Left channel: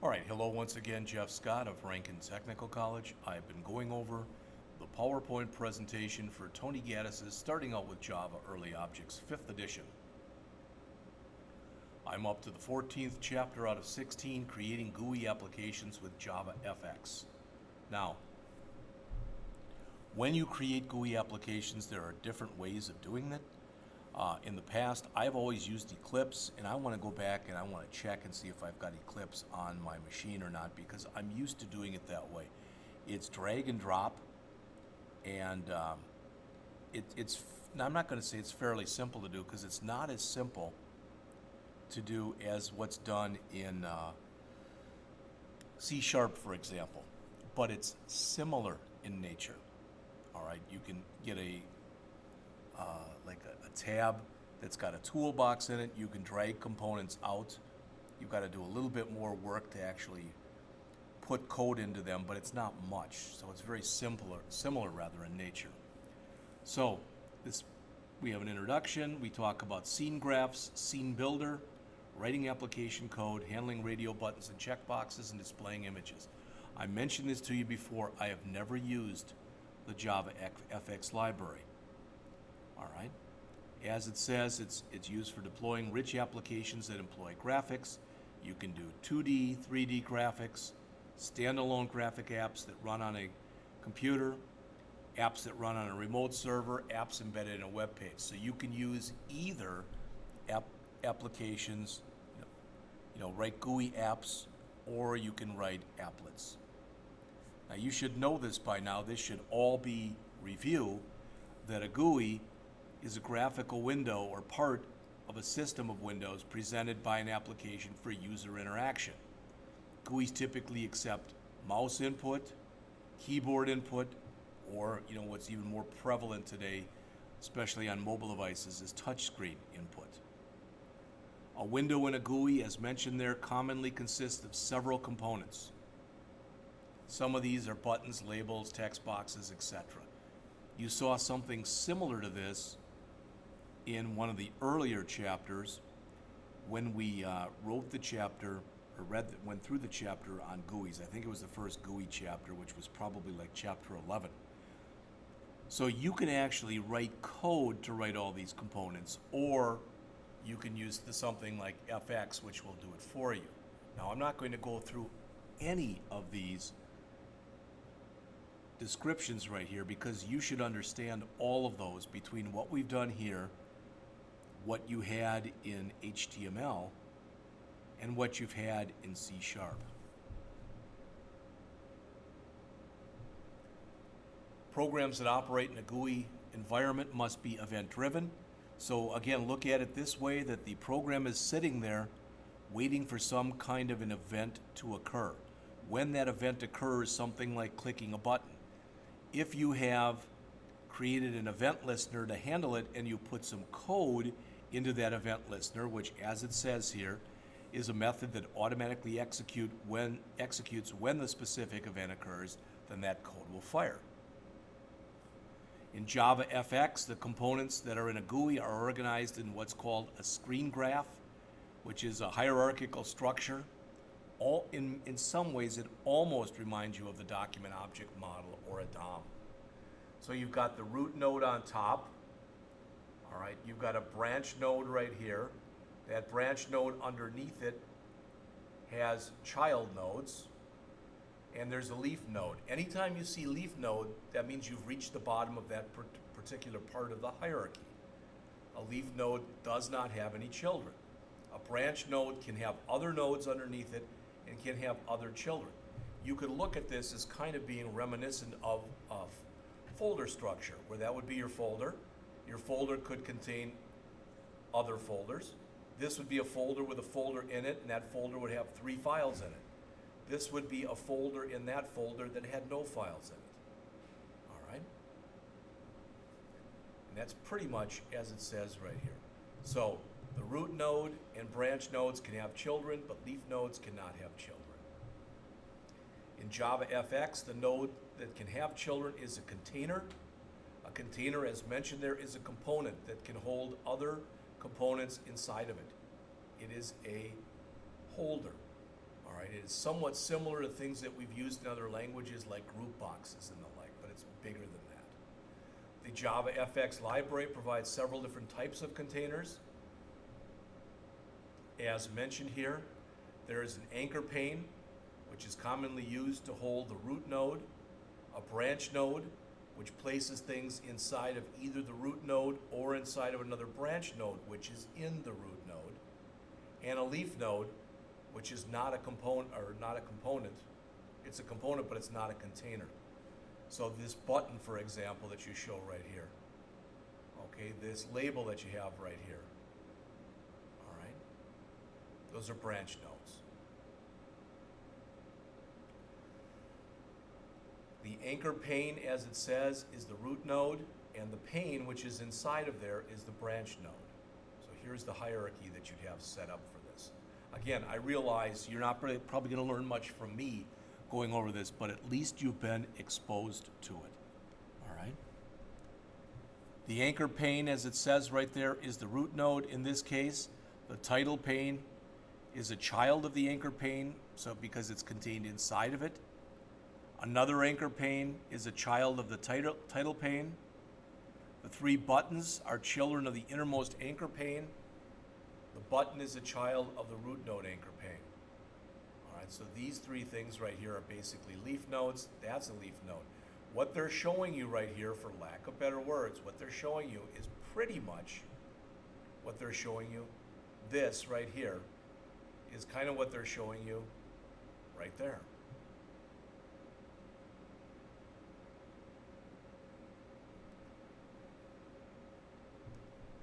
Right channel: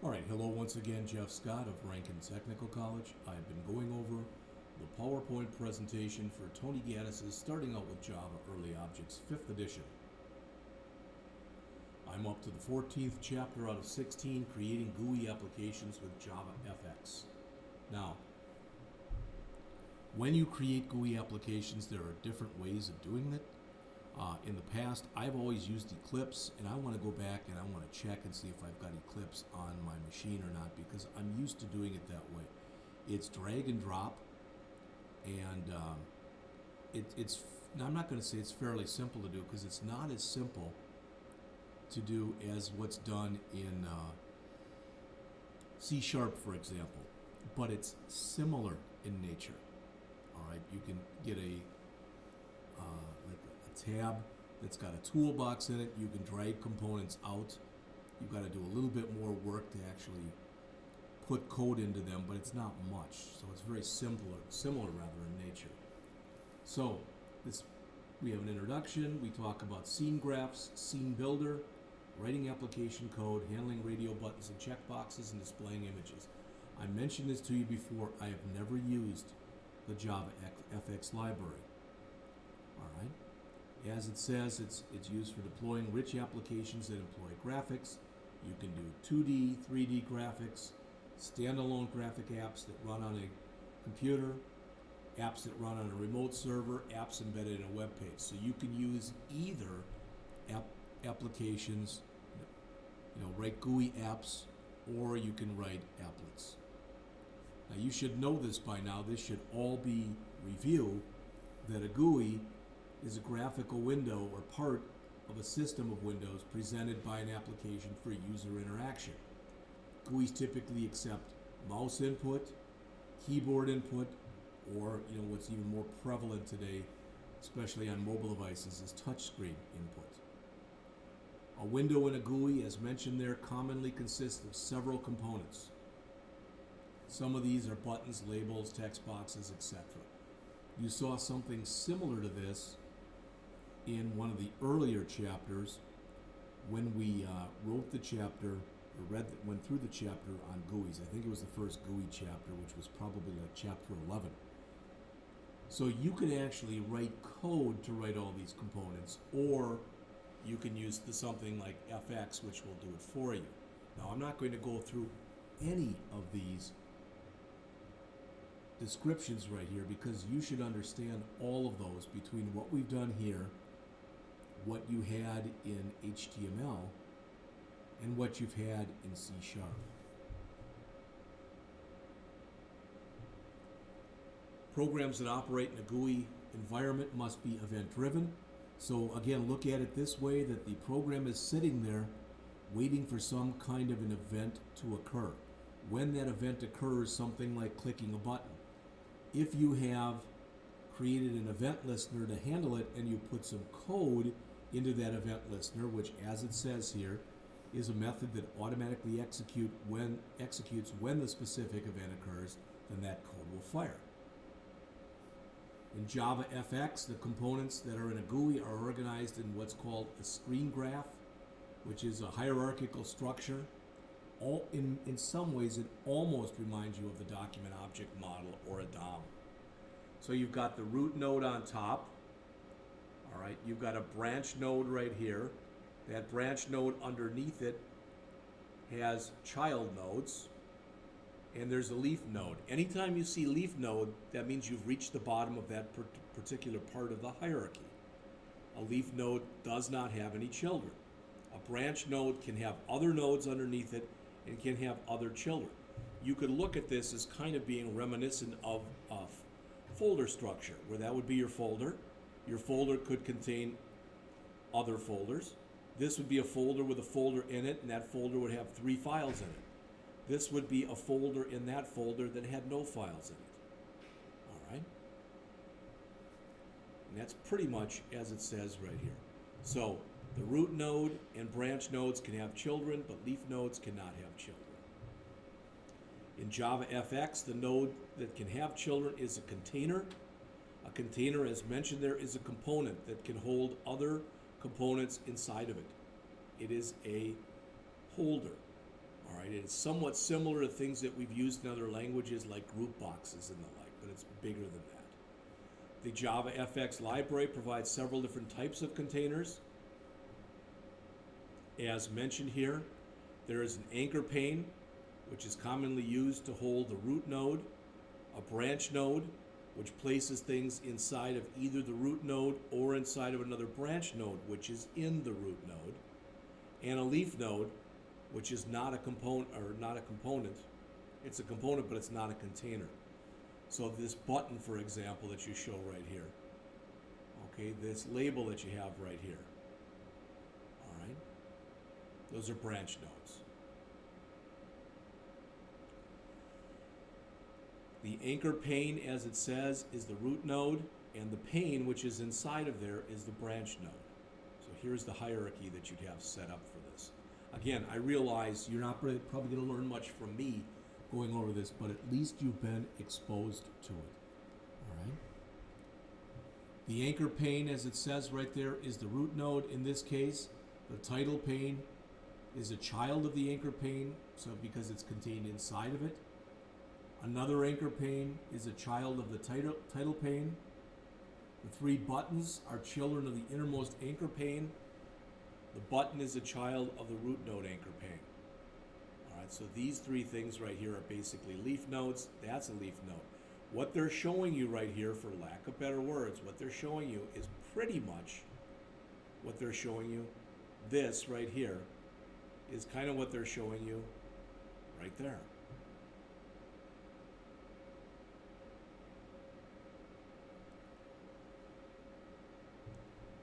All right, hello once again, Jeff Scott of Rankin Technical College. I've been going over the PowerPoint presentation for Tony Gaddis's Starting Out with Java Early Objects, 5th edition. I'm up to the 14th chapter out of 16, creating GUI applications with JavaFX. Now, when you create GUI applications, there are different ways of doing it. In the past, I've always used Eclipse, and I want to go back and I want to check and see if I've got Eclipse on my machine or not, because I'm used to doing it that way. It's drag and drop, and it's. Now, I'm not going to say it's fairly simple to do, because it's not as simple to do as what's done in C#, for example, but it's similar in nature. All right, you can get like a tab that's got a toolbox in it. You can drag components out. You've got to do a little bit more work to actually put code into them, but it's not much. So it's very similar rather in nature. So we have an introduction. We talk about scene graphs, scene builder, writing application code, handling radio buttons and checkboxes, and displaying images. I mentioned this to you before. I have never used the JavaFX library. All right. As it says, it's used for deploying rich applications that employ graphics. You can do 2D, 3D graphics, standalone graphic apps that run on a computer, apps that run on a remote server, apps embedded in a web page. So you can use either applications, write GUI apps, or you can write applets. Now you should know this by now. This should all be review that a GUI is a graphical window or part of a system of windows presented by an application for user interaction. GUIs typically accept mouse input, keyboard input, or what's even more prevalent today, especially on mobile devices, is touchscreen input. A window in a GUI, as mentioned there, commonly consists of several components. Some of these are buttons, labels, text boxes, etc. You saw something similar to this in one of the earlier chapters when we wrote the chapter, or went through the chapter on GUIs. I think it was the first GUI chapter, which was probably like chapter 11. So you can actually write code to write all these components, or you can use something like FX, which will do it for you. Now, I'm not going to go through any of these descriptions right here, because you should understand all of those between what we've done here, what you had in HTML, and what you've had in C#. Programs that operate in a GUI environment must be event-driven. So again, look at it this way, that the program is sitting there waiting for some kind of an event to occur. When that event occurs, something like clicking a button, if you have created an event listener to handle it and you put some code into that event listener, which, as it says here, is a method that automatically executes when the specific event occurs, then that code will fire. In JavaFX, the components that are in a GUI are organized in what's called a screen graph, which is a hierarchical structure. In some ways, it almost reminds you of the document object model or a DOM. So you've got the root node on top. All right, you've got a branch node right here. That branch node underneath it has child nodes, and there's a leaf node. Anytime you see leaf node, that means you've reached the bottom of that particular part of the hierarchy. A leaf node does not have any children. A branch node can have other nodes underneath it and can have other children. You could look at this as kind of being reminiscent of a folder structure, where that would be your folder. Your folder could contain other folders. This would be a folder with a folder in it, and that folder would have 3 files in it. This would be a folder in that folder that had no files in it. All right? And that's pretty much as it says right here. So the root node and branch nodes can have children, but leaf nodes cannot have children. In JavaFX, the node that can have children is a container. A container, as mentioned there, is a component that can hold other components inside of it. It is a holder. All right, it is somewhat similar to things that we've used in other languages like group boxes and the like, but it's bigger than that. The Java FX library provides several different types of containers. As mentioned here, there is an anchor pane, which is commonly used to hold the root node, a branch node, which places things inside of either the root node or inside of another branch node, which is in the root node, and a leaf node, which is not a component, It's a component, but it's not a container. So this button, for example, that you show right here, okay, this label that you have right here, all right, those are branch nodes. The anchor pane, as it says, is the root node, and the pane, which is inside of there, is the branch node. So here's the hierarchy that you'd have set up for this. Again, I realize you're not probably going to learn much from me going over this, but at least you've been exposed to it. All right? The anchor pane, as it says right there, is the root node in this case. The title pane is a child of the anchor pane, so because it's contained inside of it. Another anchor pane is a child of the title pane. The three buttons are children of the innermost anchor pane. The button is a child of the root node anchor pane. All right, so these three things right here are basically leaf nodes. That's a leaf node. What they're showing you right here, for lack of better words, what they're showing you is pretty much what they're showing you. This right here is kind of what they're showing you right there.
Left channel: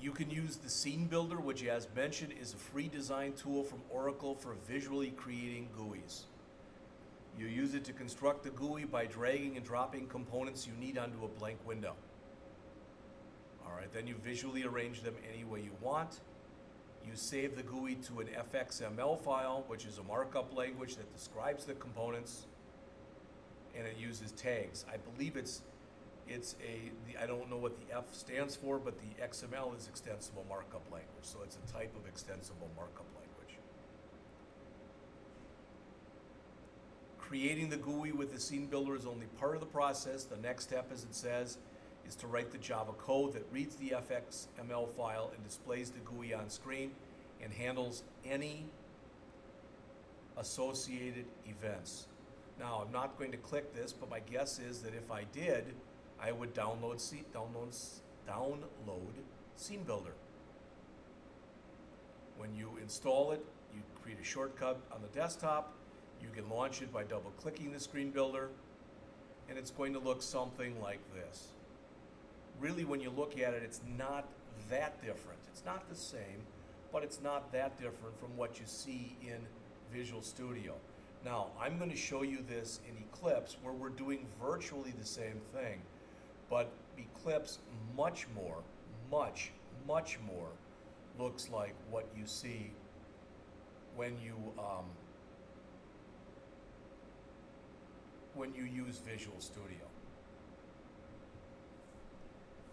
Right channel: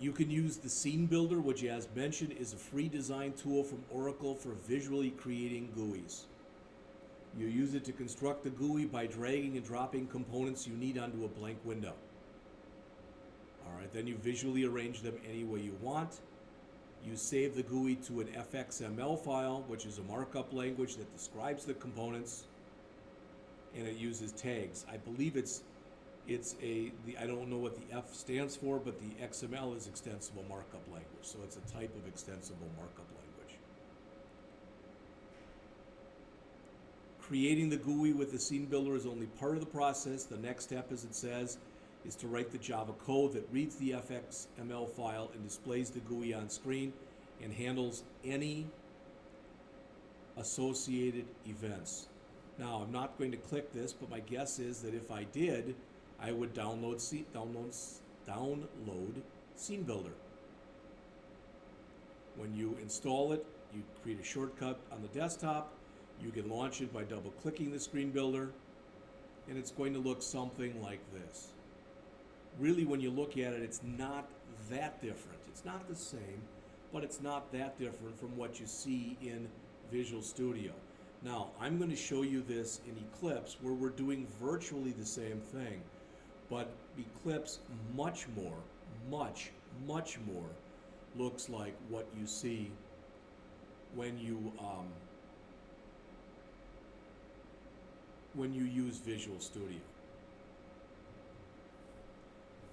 You can use the Scene Builder, which, as mentioned, is a free design tool from Oracle for visually creating GUIs. You use it to construct the GUI by dragging and dropping components you need onto a blank window. All right, then you visually arrange them any way you want. You save the GUI to an fxml file, which is a markup language that describes the components, and it uses tags. I believe I don't know what the F stands for, but the XML is extensible markup language, so it's a type of extensible markup language. Creating the GUI with the Scene Builder is only part of the process. The next step, as it says, is to write the Java code that reads the fxml file and displays the GUI on screen and handles any associated events. Now, I'm not going to click this, but my guess is that if I did, I would download Scene Builder. When you install it, you create a shortcut on the desktop. You can launch it by double-clicking the Scene Builder, and it's going to look something like this. Really, when you look at it, it's not that different. It's not the same, but it's not that different from what you see in Visual Studio. Now, I'm going to show you this in Eclipse, where we're doing virtually the same thing. But Eclipse much more looks like what you see when you use Visual Studio.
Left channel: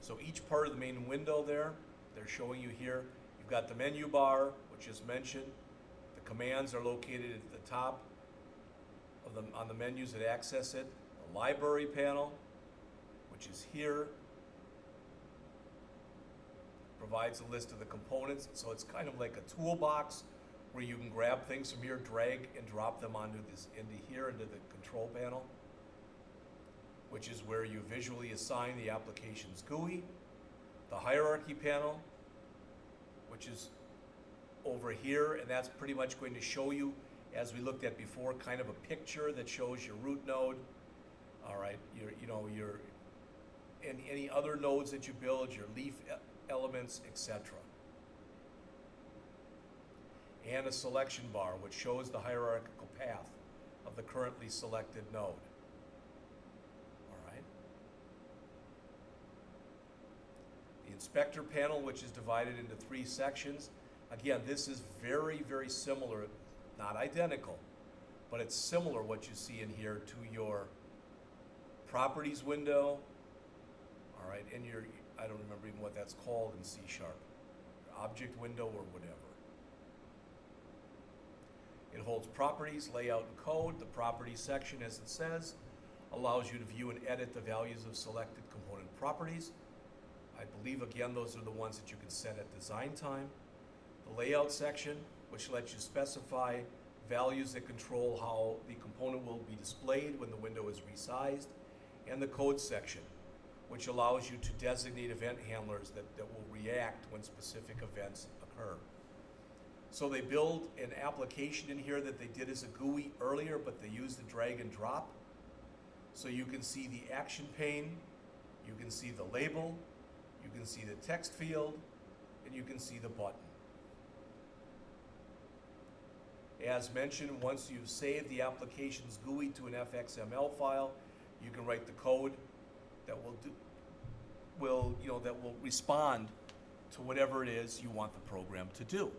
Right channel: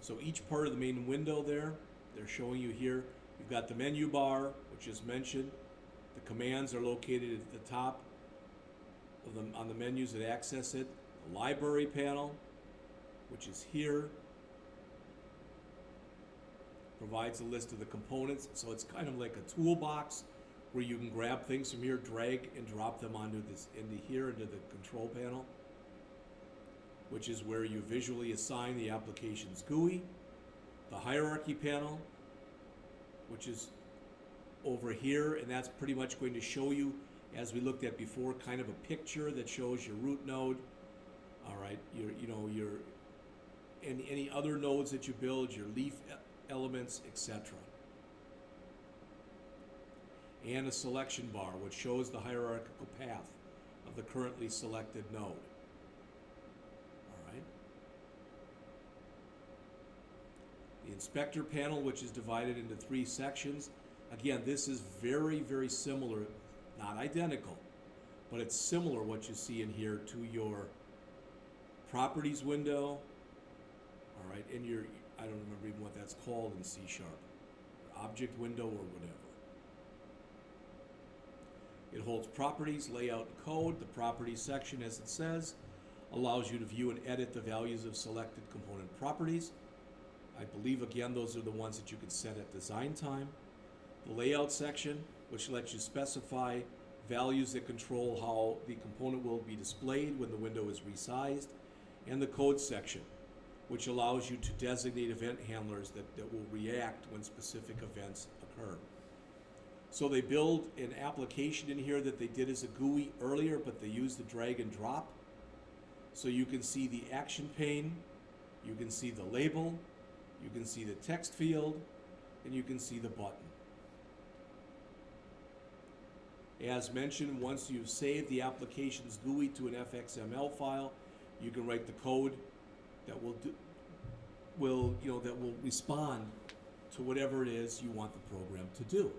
So each part of the main window there, they're showing you here. You've got the menu bar, which is mentioned. The commands are located at the top of on the menus that access it. The library panel, which is here, provides a list of the components. So it's kind of like a toolbox where you can grab things from here, drag and drop them onto into the control panel, which is where you visually assign the application's GUI. The hierarchy panel, which is over here, and that's pretty much going to show you, as we looked at before, kind of a picture that shows your root node. All right, your any other nodes that you build, your leaf elements, etc. And a selection bar, which shows the hierarchical path of the currently selected node. All right. The inspector panel, which is divided into 3 sections. Again, this is very, very similar, not identical, but it's similar what you see in here to your properties window. All right, and I don't remember even what that's called in C#, object window or whatever. It holds properties, layout, and code. The properties section, as it says, allows you to view and edit the values of selected component properties. I believe, again, those are the ones that you can set at design time. The layout section, which lets you specify values that control how the component will be displayed when the window is resized. And the code section, which allows you to designate event handlers that will react when specific events occur. So they build an application in here that they did as a GUI earlier, but they use the drag and drop. So you can see the action pane, you can see the label, you can see the text field, and you can see the button. As mentioned, once you've saved the application's GUI to an fxml file, you can write the code that will respond to whatever it is you want the program to do.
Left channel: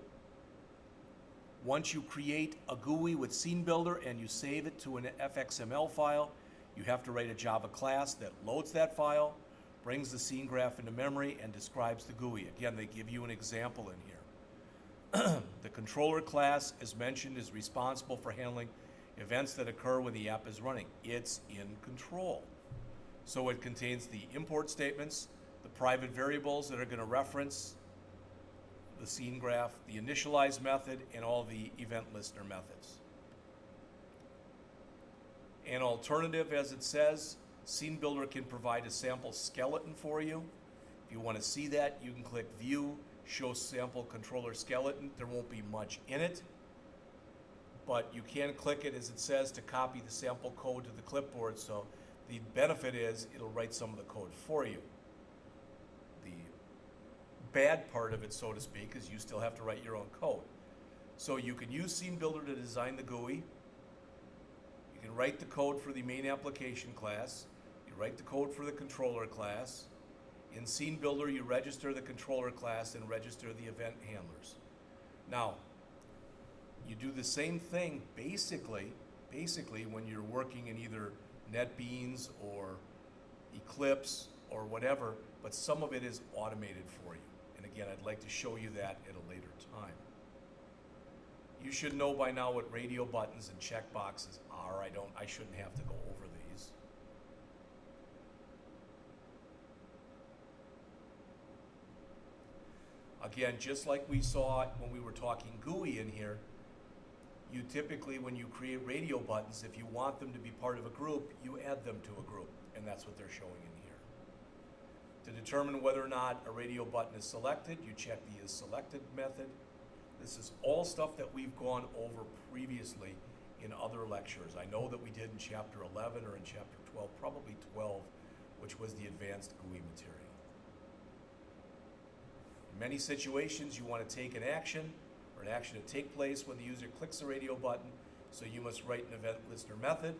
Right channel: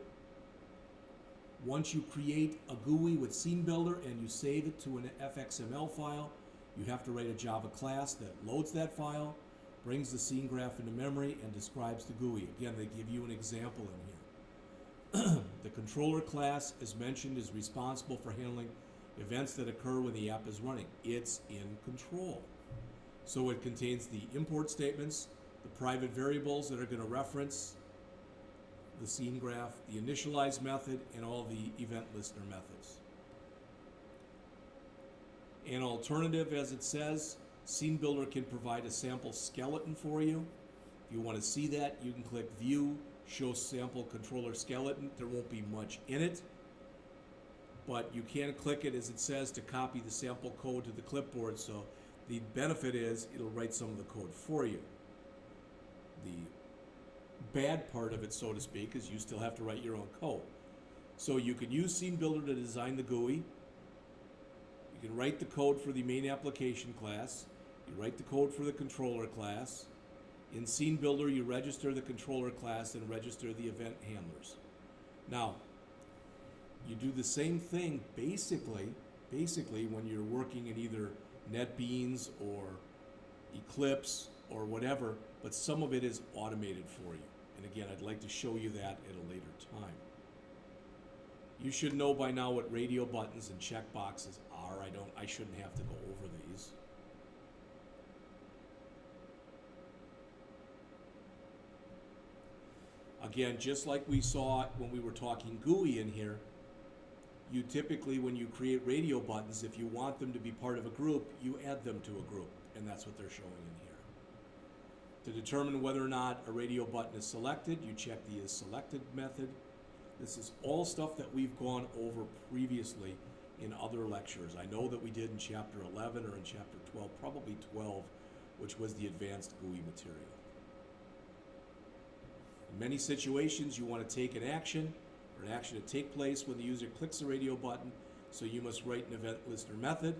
Once you create a GUI with Scene Builder and you save it to an fxml file, you have to write a Java class that loads that file, brings the scene graph into memory, and describes the GUI. Again, they give you an example in here. The controller class, as mentioned, is responsible for handling events that occur when the app is running. It's in control. So it contains the import statements, the private variables that are going to reference the scene graph, the initialize method, and all the event listener methods. An alternative, as it says, Scene Builder can provide a sample skeleton for you. If you want to see that, you can click View, Show Sample Controller Skeleton. There won't be much in it, but you can click it, as it says, to copy the sample code to the clipboard. So the benefit is it'll write some of the code for you. The bad part of it, so to speak, is you still have to write your own code. So you can use Scene Builder to design the GUI. You can write the code for the main application class. You write the code for the controller class. In Scene Builder, you register the controller class and register the event handlers. Now, you do the same thing basically when you're working in either NetBeans or Eclipse or whatever, but some of it is automated for you. And again, I'd like to show you that at a later time. You should know by now what radio buttons and checkboxes are. I shouldn't have to go over these. Again, just like we saw when we were talking GUI in here, you typically, when you create radio buttons, if you want them to be part of a group, you add them to a group, and that's what they're showing in here. To determine whether or not a radio button is selected, you check the Is Selected method. This is all stuff that we've gone over previously in other lectures. I know that we did in Chapter 11 or in Chapter 12, probably 12, which was the advanced GUI material. In many situations, you want to take an action or an action to take place when the user clicks the radio button, so you must write an event listener method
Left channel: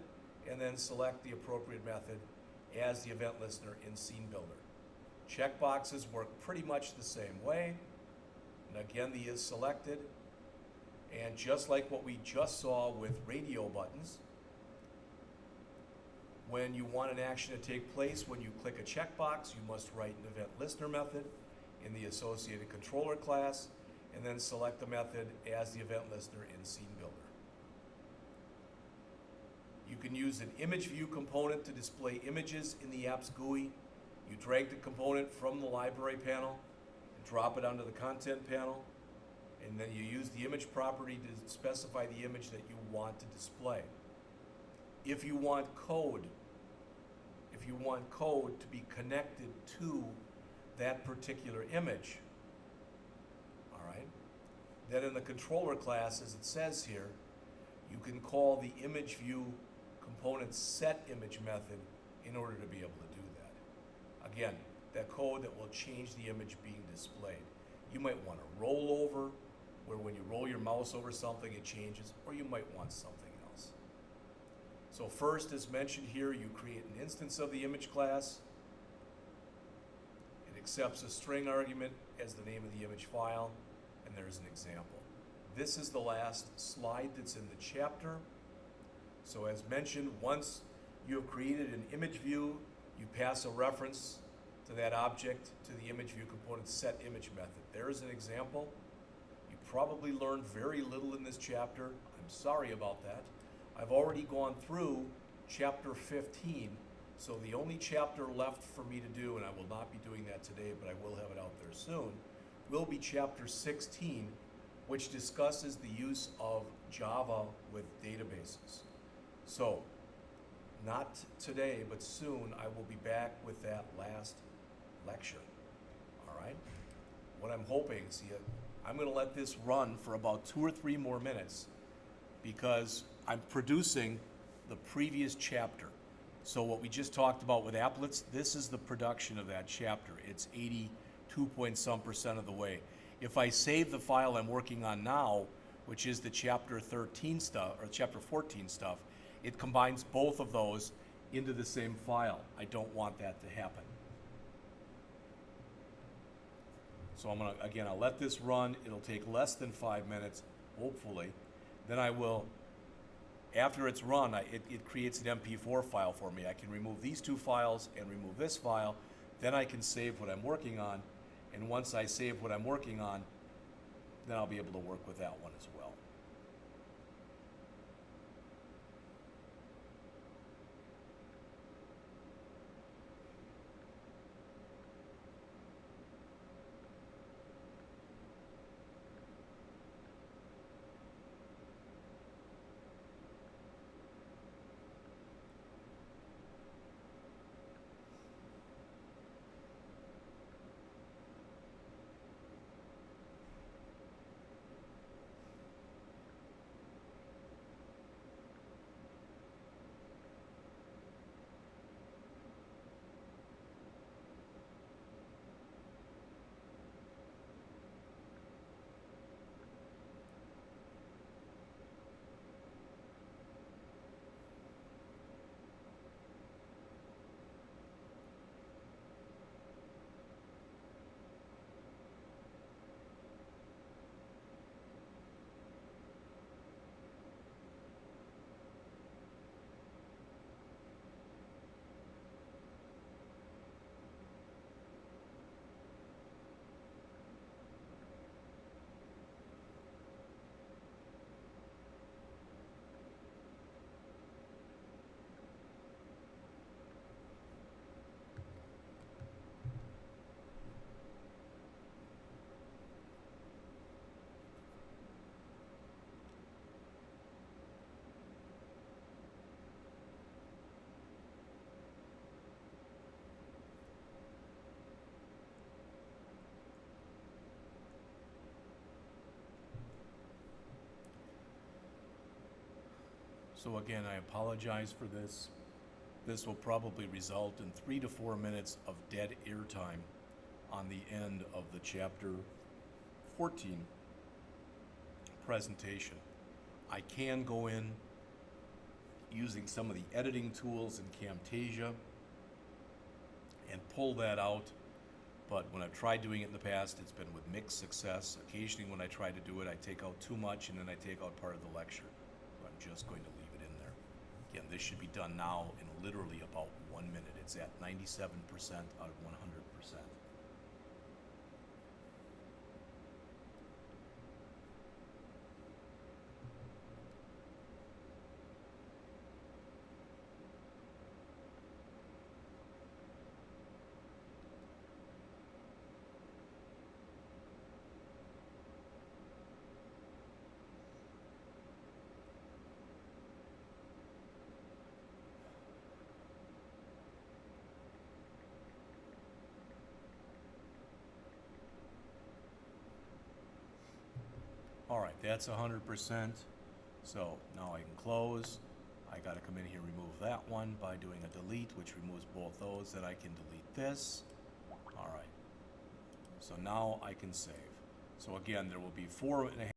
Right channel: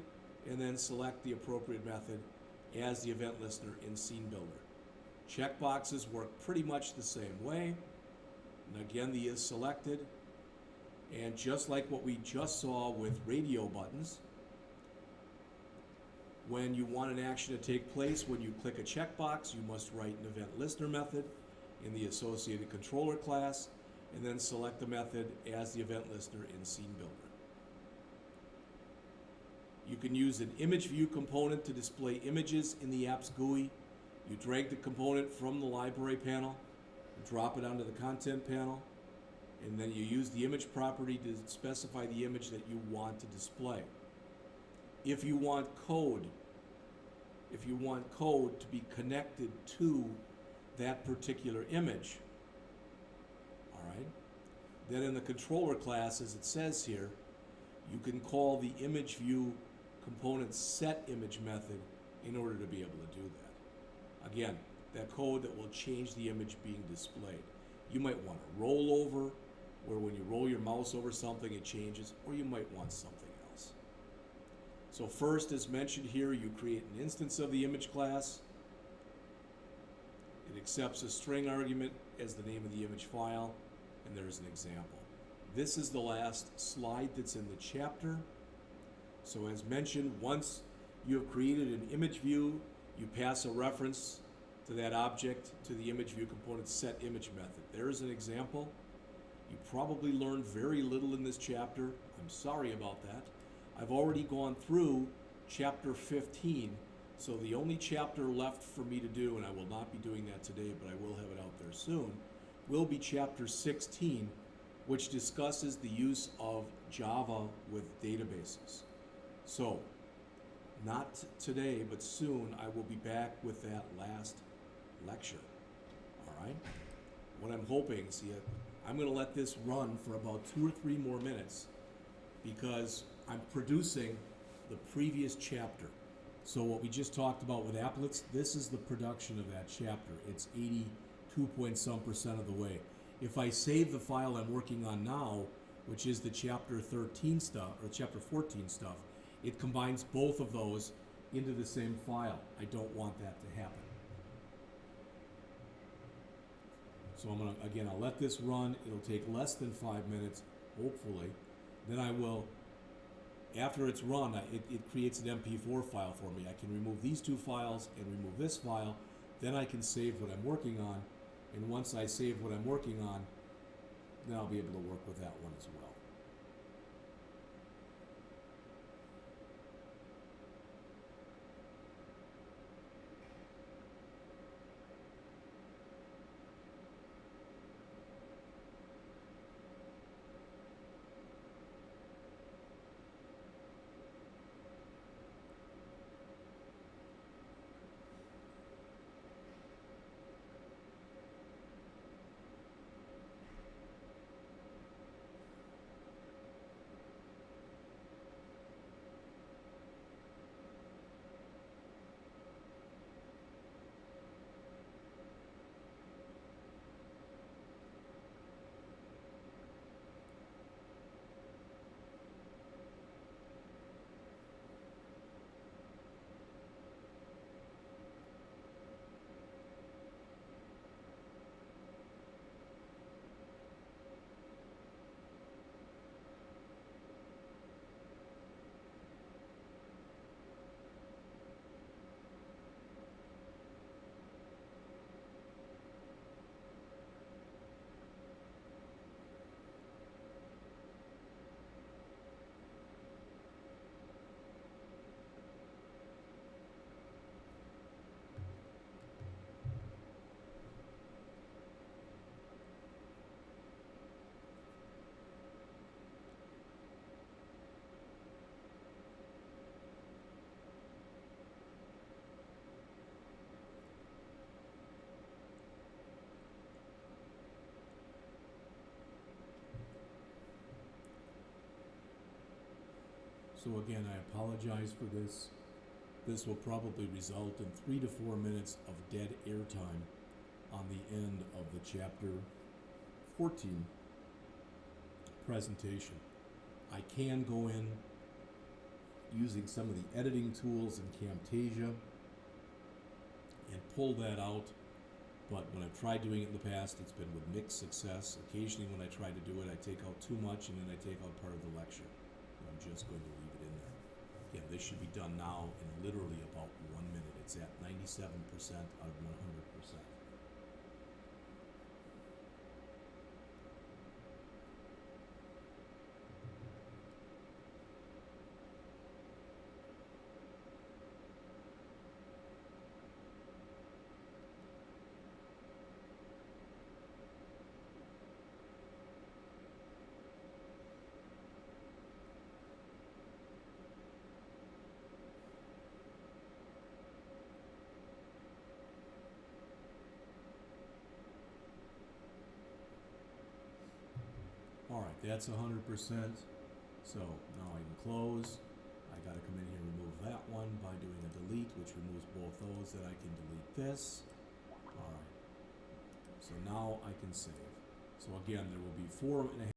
and then select the appropriate method as the event listener in Scene Builder. Checkboxes work pretty much the same way. And again, the Is Selected. And just like what we just saw with radio buttons, when you want an action to take place, when you click a checkbox, you must write an event listener method in the associated controller class, and then select the method as the event listener in Scene Builder. You can use an image view component to display images in the app's GUI. You drag the component from the library panel and drop it onto the content panel, and then you use the image property to specify the image that you want to display. If you want code to be connected to that particular image, all right, then in the controller class, as it says here, you can call the image view component set image method in order to be able to do that. Again, that code that will change the image being displayed. You might want to roll over, where when you roll your mouse over something it changes, or you might want something else. So first, as mentioned here, you create an instance of the image class. It accepts a string argument as the name of the image file, and there's an example. This is the last slide that's in the chapter. So as mentioned, once you have created an image view, you pass a reference to that object to the image view component set image method. There is an example. You probably learned very little in this chapter. I'm sorry about that. I've already gone through chapter 15, so the only chapter left for me to do, and I will not be doing that today, but I will have it out there soon, will be chapter 16, which discusses the use of Java with databases. So, not today, but soon, I will be back with that last lecture. All right? What I'm hoping, see, I'm going to let this run for about 2 or 3 more minutes because I'm producing the previous chapter. So what we just talked about with applets, this is the production of that chapter. It's 82% of the way. If I save the file I'm working on now, which is the chapter 13 stuff, or chapter 14 stuff, it combines both of those into the same file. I don't want that to happen. So I'm gonna, again, I'll let this run. It'll take less than 5 minutes, hopefully. Then I will, after it's run, it creates an MP4 file for me. I can remove these 2 files and remove this file. Then I can save what I'm working on. And once I save what I'm working on, then I'll be able to work with that one as well. So again, I apologize for this. This will probably result in 3 to 4 minutes of dead air time on the end of the chapter 14 presentation. I can go in using some of the editing tools in Camtasia and pull that out, but when I've tried doing it in the past, it's been with mixed success. Occasionally when I try to do it, I take out too much and then I take out part of the lecture. I'm just going to leave it in there. Again, this should be done now in literally about 1 minute. It's at 97% out of 100%. All right, that's 100%. So now I can close. I got to come in here and remove that one by doing a delete, which removes both those. Then I can delete this. All right. So now I can save. So again, there will be 4.5